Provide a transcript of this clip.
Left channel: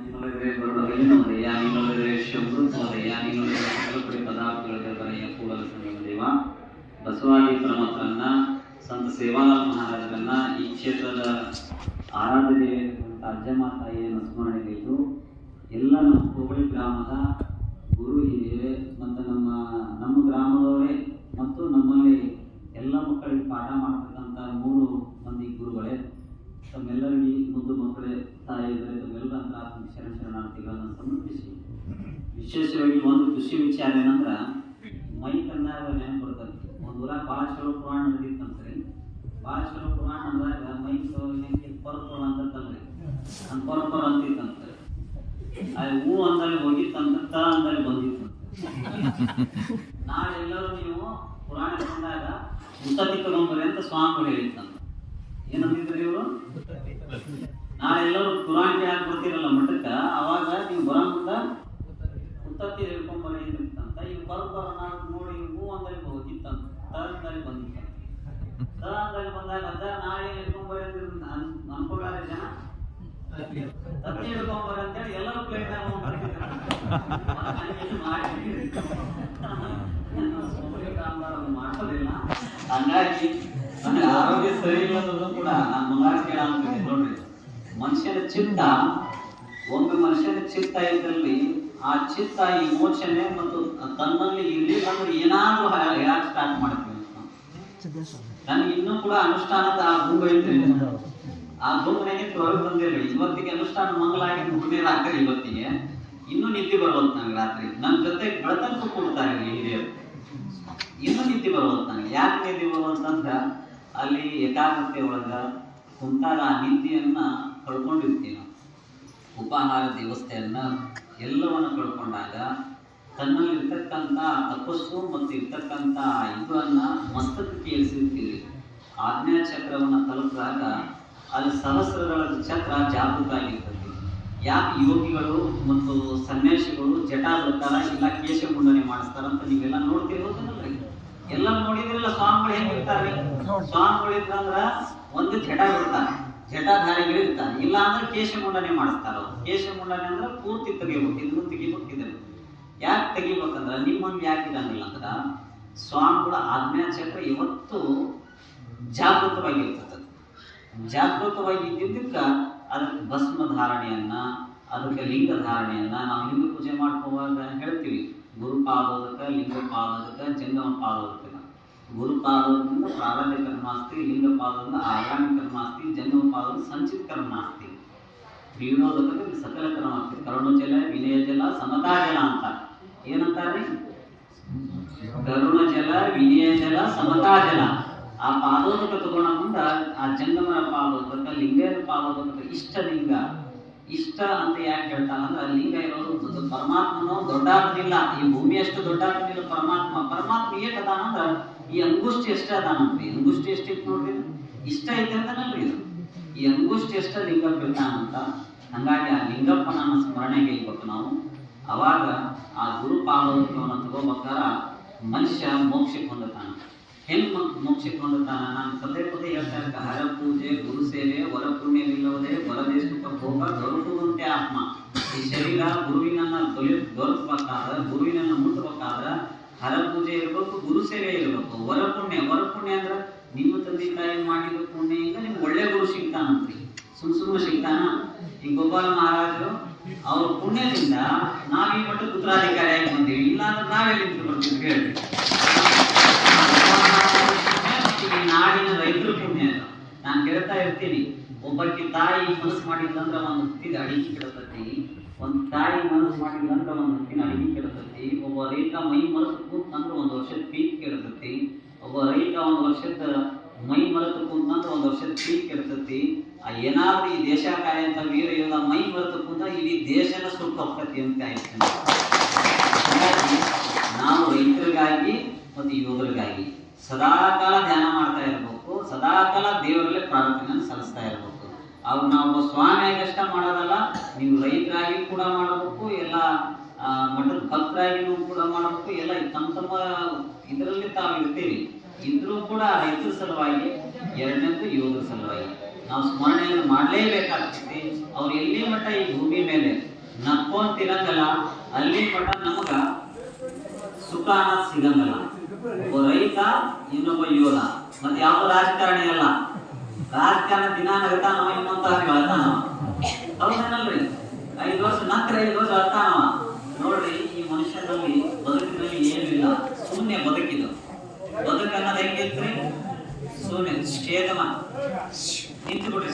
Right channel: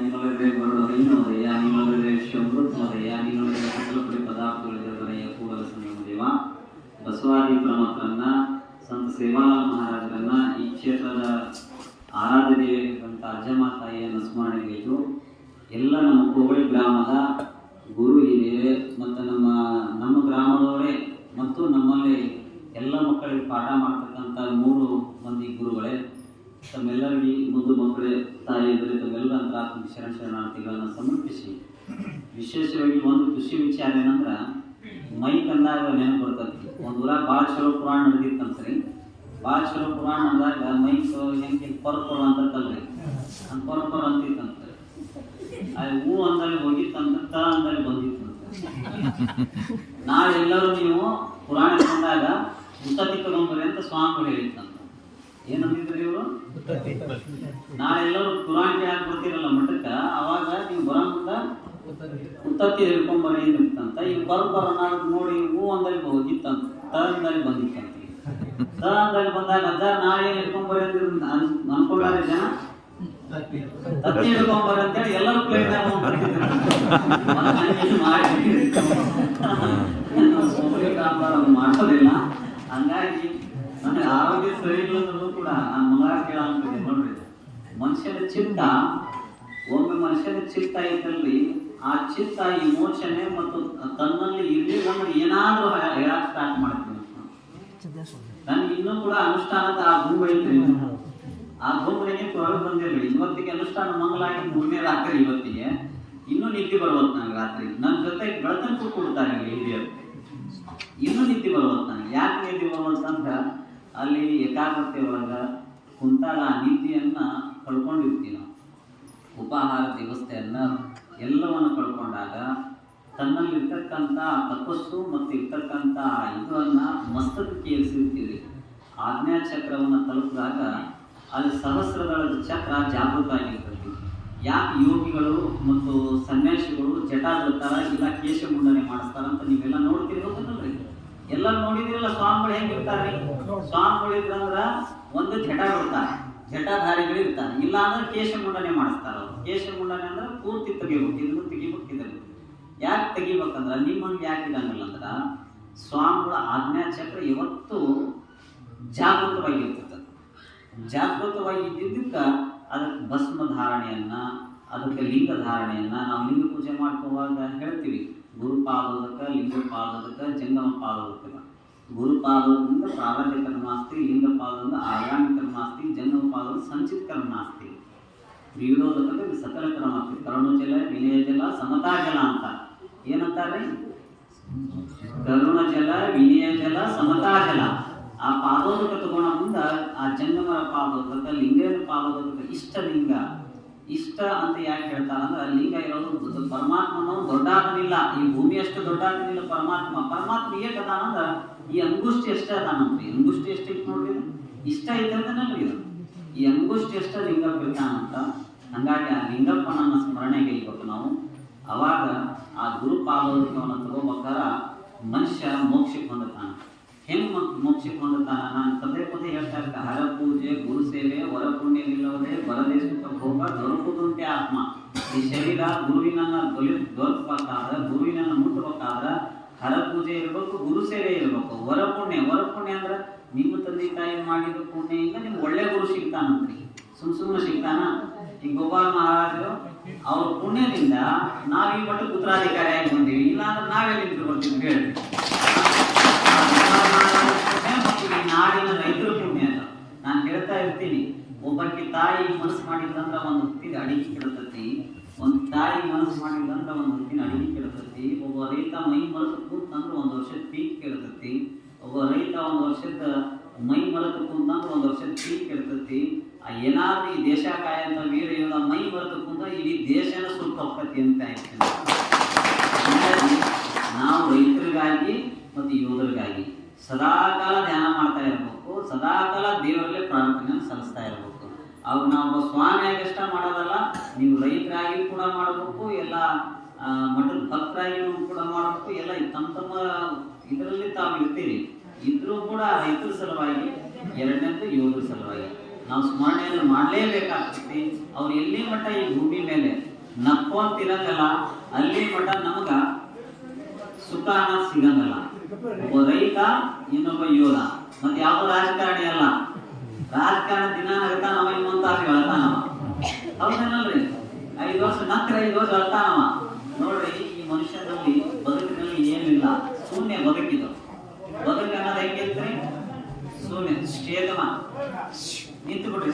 ನಿನ್ನೊಳಗೆ ಬರುವುದೇನೋದಯ್ಯ, ನಿನ್ನೊಳಗೆ ಶಮೃದ್ಧೋದಯ್ಯ, ನಿನ್ನೊಳಗೆ ಸಕಲಪಡಿ ಪದಾರ್ಥಗಳಿಗೆ ಬರೆಯ ಕೂಡಲ ಸಂಗಮ ದೇವ ಬಸವಾದಿ ಪರಮಾತ್ರನ್ನ ಸಂತ ಸೇವಾಲಾಲ್ ಮಹಾರಾಜರನ್ನ ಈ ಕ್ಷೇತ್ರದ ಆರಾಧ್ಯ ದೇವಿಯಾಗಿರುವಂಥ ಅಜ್ಜಮ್ಮ ತಾಯಿಯನ್ನು ಸ್ಮರಣೆಗೈದು ಎಲ್ಲ ನಮ್ಮ ಕೋಬಳಿ ಗ್ರಾಮದ ಗುರು ಹಿರಿಯರೇ ಮತ್ತು ನಮ್ಮ ಗ್ರಾಮದವರೇ ಮತ್ತು ನಮ್ಮಲ್ಲಿ ಎಲ್ಲ ಮಕ್ಕಳಿಗೆ ಪಾಠ ಮಾಡ್ತಕ್ಕಂಥ 3 ಮಂದಿ ಗುರುಗಳೇ, ತಮ್ಮೆಲ್ಲರಿಗೆ ಮುದ್ದು ಮಕ್ಕಳೇ, ತಾಯಿಯರಿಗೆ ತಮ್ಮೆಲ್ಲರ ಅಂತರಾತ್ಮಿಕ ಶರಣಾರ್ಥಿಗಳನ್ನು ಸಮರ್ಪಿಸಿ, ವಿಶೇಷವಾಗಿ ಒಂದು ಖುಷಿ ವಿಚಾರ ಏನಂದ್ರೆ ಮೈಕ್ ಅಂದಾಗ ನೆನಪು ಬರ್ತದೆ. ಒಂದು ಊರಾಗ ಭಾಳ ಚಲೋ ಪುರಾಣ ನಡೆದಿತ್ತಂತ್ರಿ. ಭಾಳ ಚಲೋ ಪುರಾಣ ಅಂದಾಗ ಮೈಕ್ ಹೆಂಗೆ ಪರ್ಪರ ಅಂತಲ್ರಿ, ಅಂತ ಪರ್ಪರ ಅಂತಿತ್ತಂತ. ಅದು ಹೂ ಅಂದಲ್ಲಿ ಹೋಗಿತ್ತಂತ, ತ ಅಂದಲ್ಲಿ ಬಂದಿತ್ತಂತ. ನಾಳೆ ಎಲ್ಲರೂ ನೀವು ಪುರಾಣ ಬಂದಾಗ ಉತ್ತತ್ತಿ ತಗೊಂಬರಿ ಅಂತ ಸ್ವಾಮಿಗಳು ಹೇಳಿತ್ತಂತ. ಏನಂತಿದ್ರಿ ಇವರು? ನಾಳೆ ಎಲ್ಲರೂ ಪುರಾಣ ಯಾಕೆ ಬರ್ತಿರಲ್ಲ ಮಠಕ್ಕೆ, ಅವಾಗ ನೀವು ಬರೋ ಮುಂದ ಉತ್ತತ್ತಿ ಹಿಡ್ಕೊಂಬರಿ ಅಂತ. ಈಗ ಬರ ನೋಡಿ ಹೂ ಅಂದಲ್ಲಿ ಹೋಗಿತ್ತಂತ, ತ ಅಂದಲ್ಲಿ ಬಂದಿತ್ತಂತ. ತ ಅಂದಲ್ಲಿ ಬಂದಾಗ ಅಜ್ಜ ನಾಳೆ ಏನು ಹಿಡ್ಕೊಂಬರಿ ಅಂತ ಅನ್ಕೊಳ್ಳಾರ ಜನ. ತತ್ತಿ ಹಿಡ್ಕೊಂಬರಿ ಅಂತೇಳಿ ಎಲ್ಲರೂ ಪ್ಲೇಟ್ ಮಾಡೋದಿಲ್ಲ. ಹಂಗಾಗಿ ನನಗೆ ಆರೋಗ್ಯ ಸರಿ ಇಲ್ಲದೂ ಕೂಡ ನಾನು ಮಗ ಕೇಳಂತಿದ್ದೆ ನೋಡ್ರಿ. ಮನುಷ್ಯನ ಚಿತ್ತ, ಒಮ್ಮೆ ಮನುಷ್ಯನ ಚಿತ್ತ ಇದ್ದಲ್ಲಿ ಆ ಚಿತ್ತ ಇಮೋಷನೆ ಮತ್ತು ತನ್ನಲ್ಲಿ ಇರ್ಲಿಲ್ಲ ಅಂದ್ರೆ ಏನಾದ್ರೂ ಹೇಳಕ್ ಸ್ಟಾರ್ಟ್ ಮಾಡ್ತೀವಿ. ನನ್ಗೆ ಇನ್ನೂ ಕೂಡ ಅನುಷ್ಠಾನದ ಆ ಭೂಮಿ ಐತ್ರಿ, ಆ ಭೂಮಿಗೆ ಹೊರಗೆ ಬಂದಿರಲಿ. ಇವತ್ತಿಗೆ ಅನುಷ್ಠಾನ ಮಂಗಲಾಗಿ 3ನೇ ರಾತ್ರಿ, ಇವತ್ತಿಗೆ ಇನ್ನೂ ನಿದ್ದೆ ಬರುವತ್ತು ನನಗೆ. ರಾತ್ರಿ ನನ್ನ ಜೊತೆ ಬೆಳತನಕ್ಕೂ ಕೊಡ್ತಾರೆ ಹಿರಿಯರು, ಇನ್ನೂ ನಿದ್ದೆ ಬರುವತ್ತು ನನಗೆ. ಯಾಕೆ ನಿದ್ದೆ ಬರುವಂತಂದ್ರೆ ಅಲ್ಲಿ ಏಕಾಗ್ರತೆ ಒಳಗ ಕುಂತಾಗ ಆ ನಿದ್ದೆಯನ್ನ ಕಳ್ಕೊಂಡಿರ್ತೀವಿ ನಾವು. ಉಪಾಹಾರ ವ್ಯವಸ್ಥೆಯನ್ನ ಎಲ್ಲವನ್ನು ಕಳ್ಕೊಂಡಾಗ ತನ್ನಲ್ಲಿ ಇರ್ತಕ್ಕಂಥ ತಪಸ್ಸು ಮತ್ತು ಇರ್ತಕ್ಕಂಥ ಇದನ್ನ ಮಸ್ತಕಕ್ಕೆ ಏರಿಸಿರ್ತೀವಿ. ಆಜ್ಞಾ ಚಕ್ರವನ್ನು ತಲುಪಿದಾಗ ಅಲ್ಲಿ ಸಹಸ್ರದಳ ಚಕ್ರ ಜಾಗೃತ ಆಗಿರ್ತದೆ. ಯಾಕೆ ಯೋಗಿಗಳು ಮತ್ತು ಸನ್ಯಾಸಿಗಳು ಜಟ ಬಿಡ್ತಾರ, ಇಲ್ಲ ಕೇಶ ಮುಂಡನೆ ಮಾಡಿಸ್ತಾರಂತ ನೀವೆಲ್ಲ ನೋಡ್ತಿರೋದಲ್ರಿ. ಎಲ್ಲ ನೋಡಿದ್ರಲ್ಲ ಸ್ವಾಮಿಗಳು ಹೆಂಗಿರ್ತಾರ್ರಿ. ಸ್ವಾಮಿಗಳು ಇದ್ರಂದ್ರ ಒಂದು ಜಟ ಬಿಡ್ತಾರೆ, ಜಟಾಧಾರಿಗಳು ಇರ್ತಾರೆ. ಇಲ್ಲ ಅಂದ್ರೆ ಕೇಶ ಮುಂಡನೆ ಮಾಡಿಸ್ತಾರ. ಅವ್ರು ಕೇಶ ಮುಂಡನೆ ಅಂದ್ರೆ ಪೂರ್ತಿ ತೆಗಿಬೇಕು, ಇದನ್ನು ತೆಗಿಬೇಕಿದ್ರೆ. ಯಾಕೆ ತೆಗಿಬೇಕಂದ್ರ ನಿಮ್ಮಂಗೆ ಯಾಕೆ ಇರಂಗಿಲ್ಲ ಅಂದ್ರ ಸ್ವಾಮಿಗಳ ಆಜ್ಞಾ ಚಕ್ರ ಯಾವತ್ತೂ ಜಾಗೃತವಾಗಿರ್ತದೆ. ಜಾಗೃತವಾಗಿ ಇದ್ದಿದ್ದಕ್ಕೆ ಅದಕ್ಕೆ ಭಸ್ಮ ಧಾರಣೆಯನ್ನ, ಅದಕ್ಕೆ ಲಿಂಗ ಧಾರಣೆಯನ್ನ ನಾವು ಲಿಂಗ ಪೂಜೆ ಮಾಡ್ಕೋವಾಗ ಹೇಳ್ತೀವಿ. ಗುರುಪಾದೋದಕ, ಲಿಂಗ ಪಾದೋದಕ, ಜಂಗಮ ಪಾದೋದಕ. ಗುರುಪಾದೋದಿಂದ ಪ್ರಾರಂಭ ಕರ್ಮಾಸ್ತಿ, ಲಿಂಗ ಪಾದದಿಂದ ಆಗಾಮಿ ಕರ್ಮಾಸ್ತಿ, ಜಂಗಮ ಪಾದದಿಂದ ಸಂಚಿತ ಕರ್ಮಾಸ್ತಿ. ವಿರೋಧಕ ಸಕಲ ಕರ್ಮಾಸ್ತಿ. ಕರುಣಜಲ, ವಿನಯಜಲ, ಸಮತಾಜಲ ಅಂತ ಏನಂತಾರ್ರಿ? ಕರುಣಜಲ, ವಿನಯಜಲ, ಸಮತಾಜಲ. ಆ ಪಾದೋದಕ ತಗೊಂಡ ಮುಂದ ಆ ಜಂಗಮರ ಪಾದೋದಕ, ಲಿಂಗನ ಪಾದೋದಕ, ಇಷ್ಟ ಲಿಂಗ. ಇಷ್ಟ ಅಂತ ಯಾಕೆ ಹೇಳ್ತಾರ ಅಂದ್ರೆ ಲಿಂಗ ಇರೋದು ಪರಮಾತ್ಮನೋ ದೊಡ್ಡಾಗನಿಲ್ಲ, ಈ ಭೂಮಿ ಅಷ್ಟು ದೊಡ್ಡಾಗನಿಲ್ಲ ಪರಮಾತ್ಮ. ಪರಮಾತ್ಮ ಏಟ್ ಅದಾನಂದ್ರ ಈ ಅಂಗುಷ್ಟಿ ಎಷ್ಟೇ ಅದಾನಂತ್ರಿ. ಅಂಗುಷ್ಟಿ ಎಷ್ಟಿತ್ತು ನೋಡ್ರಿ, ಇಷ್ಟ ಐತೆ ಅಂತನಲ್ರಿ ಇದು. ಈ ಅಂಗುಷ್ಟಿ ಎಷ್ಟ ಲಿಂಗ ಬೀಳ್ತಾನಂತ. ಹಂಗಾಗಿ ಆ ಲಿಂಗಪ್ಪನನ್ನ ಸ್ಮರಣೆಗೆ ಇರ್ಬೇಕು ನಾವು. ಅವಾಗ ಆ ಗುರು ಪಾದೋದಕವನ್ನು ತಗೋಬೇಕಾರ ಮನುಷ್ಯ ಮೋಕ್ಷಕ್ಕೆ ಹೊಂದುತ್ತಾನ. ಹೆಂಗ್ ಮೋಕ್ಷಕ್ಕೆ ಹೊಂದುತ್ತಾನ? ನಾನು ಪದೇ ಹೇಳ್ತಾ ಇರ್ತ, ಹರ ಪೂಜೆ, ಗುರು ಸೇವೆ, ವರ ಪುಣ್ಯವಿಲ್ಲದೆ ವರದೇ ಸುಖ ಭೋಗ ದೊರಕುದಂತೆ ಆತ್ಮ. ಈ ಶರೀರ ಗುರುವಿನನ್ನ ದೊರಕಬೇಕಾದ್ರೆ, ಗುರುವಿನನ್ನ ಮುಟ್ಟಬೇಕಾದ್ರ ಹರ ಪೂಜೆ ಇರ್ಬೇಕು, ಗುರು ಸೇವೆ ಇರ್ಬೇಕು. ವರ ಪುಣ್ಯ ಅಂದ್ರೆ ನಿಮ್ಮ ತಂದೆ ತಾಯಿ ಮಾಡಿದ ಪುಣ್ಯದಿಂದ ನಿಮ್ಗೆ ಒಳ್ಳೆ ಗುರು ಸಿಗ್ತಾನಂತ್ರಿ. ಸುಮ್ಮನೆ ಸಿಗ್ತಾನ? ಈ ಗೋಪಾಲ ಮಹಾರಾಜರು ಅವ್ರ ಪುಣ್ಯದಿಂದ ನಾವ್ ಈ ಮಟ್ಟ ಉತ್ತರಾಧಿಕಾರಿಯಾಗಿ ಬಂದೀವಿ. ಇಲ್ಲಾಂದ್ರೆ ನಾವೆಲ್ಲಿಂದ ಬರ್ತೀವಿ ಹೇಳ್ರಿ. ಮತ್ತು ಈ ನಾಡಿನ ರೈತರ ಪುಣ್ಯ. ನಾನು ಹೇಳ್ತಾ ಇರ್ತೀನಿ, ಒಬ್ಬಕ್ಕೆ ತಾಯಿ ಮನಸ್ಸು ಮಾಡಿಲ್ಲಂದ್ರ ಒಂದು ಹೊತ್ತಿಗೆ ಅಡಿಗೆ ಕೆಡತತಿ. ಒಂದು ತಾಯಿ ಮನಸ್ಸು ಮಾಡಿಲ್ಲಂದ್ರ ಒಂದು ಹೊತ್ತಿನ ಅಡಿಗೆ ಕೆಡತತಿ. ಒಬ್ಬ ರೈತ ಮೈ ಮರೆತು ಕೂತಂದ್ರೆ 1 ವರ್ಷದ ಪೀಕ್ ಕೆಡತತಿ. ಒಬ್ಬ ರೈತ 1 ವರ್ಷದ ಮೈ ಮರೆತು ಕೂತಂದ್ರೆ 1 ವರ್ಷದ ಪೀಕ್ ಕೆಡತತಿ. ಏನಾದ್ರೂ ಈ ದೇಶ ಕಾಯಂತ ವೀರ ಯೋಧ ಮೈ ಮರೆತು ಕೂತ ಇಡೀ ದೇಶನ ಸುಖ ಹೋಗ್ತತಿ ಅಂತ ಹೇಳ್ತೀನಿ. ಹಾಗಾಗಿ ನಾವು ರೈತರಿಗಾಗಿ ಮತ್ತು ಯೋಧರಿಗಾಗಿ ಸದಾಕಾಲ ಧ್ಯಾನ ಮಾಡ್ತಾ ಇರಬೇಕು. ಸದಾಕಾಲ ದೇವರಲ್ಲೇ ಪ್ರಾರ್ಥನೆಯನ್ನು ಸಲ್ಲಿಸ್ತಾ ಇರಬೇಕು. ಅವು ನಾವು ಸ್ವಾಮಿಯಾಗಿ ಅಷ್ಟ ಮಾಡೋದಲ್ಲ, ನೀವು ರೈತರಾಗಿ ಕೂಡ ಮಾಡಬೇಕು, ಎಲ್ಲ ಮಠದ ಭಕ್ತರಾಗಿ ಕೂಡ ಮಾಡಬೇಕು. ಎಲ್ಲ ತಮ್ಮ ಇದರಲ್ಲಿ ತಾವು ಇರ್ತೀರಿ. ಇದ್ರೂ ಕೂಡ ರೈತರ ಸಲುವಾಗಿ, ಎರಡನೇದು ಯೋಧರ ಸಲುವಾಗಿ ನಾವು ಸ್ಮರಣೆಯನ್ನು ಮಾಡಲೇಬೇಕಾಗ್ತೈತಿ. ಅವ್ರು ಎಲ್ಲಿ ಮಟ್ಟ ಈ ಭೂಮಿ ಮೇಲೆ ನಕ್ಕೊಂಡ್ ತಿನ್ನಂಗಲ್ಲ, ಅಲ್ಲಿ ಮಟ್ಟ ನಮಗ ಸುಖ ಅನ್ನೋದು ಸಿಗಂಗಲ್ಲ. ಒಬ್ಬ ರೈತ, ಇನ್ನೊಬ್ಬ ಯೋಧ. ಮತ್ತೆ ಯಾವ ರಾಜಕಾರಣಿ ಅಲ್ಲ. ರಾಜಕಾರಣ ದಿನ ನಗ್ತಾನವ, ಇನ್ನೊಂದ್ ತಾಸು ಹೇಳ್ತಾನವ. ಹೌದೇನಲ್ರಿ? 5 ವರ್ಷ ನಂತರ 5 ವರ್ಷ ಹೇಳ್ತಾನವ. ನೋಡ್ರಿ, ಈ ಮನುಷ್ಯನಲ್ಲಿ ಬದುಕಿನಲ್ಲಿ ಏನಿಲ್ಲ, ಶೂನ್ಯ ಬದುಕಿದು. ಬದುಕು ಅನ್ನೋದು ಹೆಂಗಿರ್ತ್ರಿ? ಶೂನ್ಯ, ನಿಂತು ಬಿಡ್ರಿ.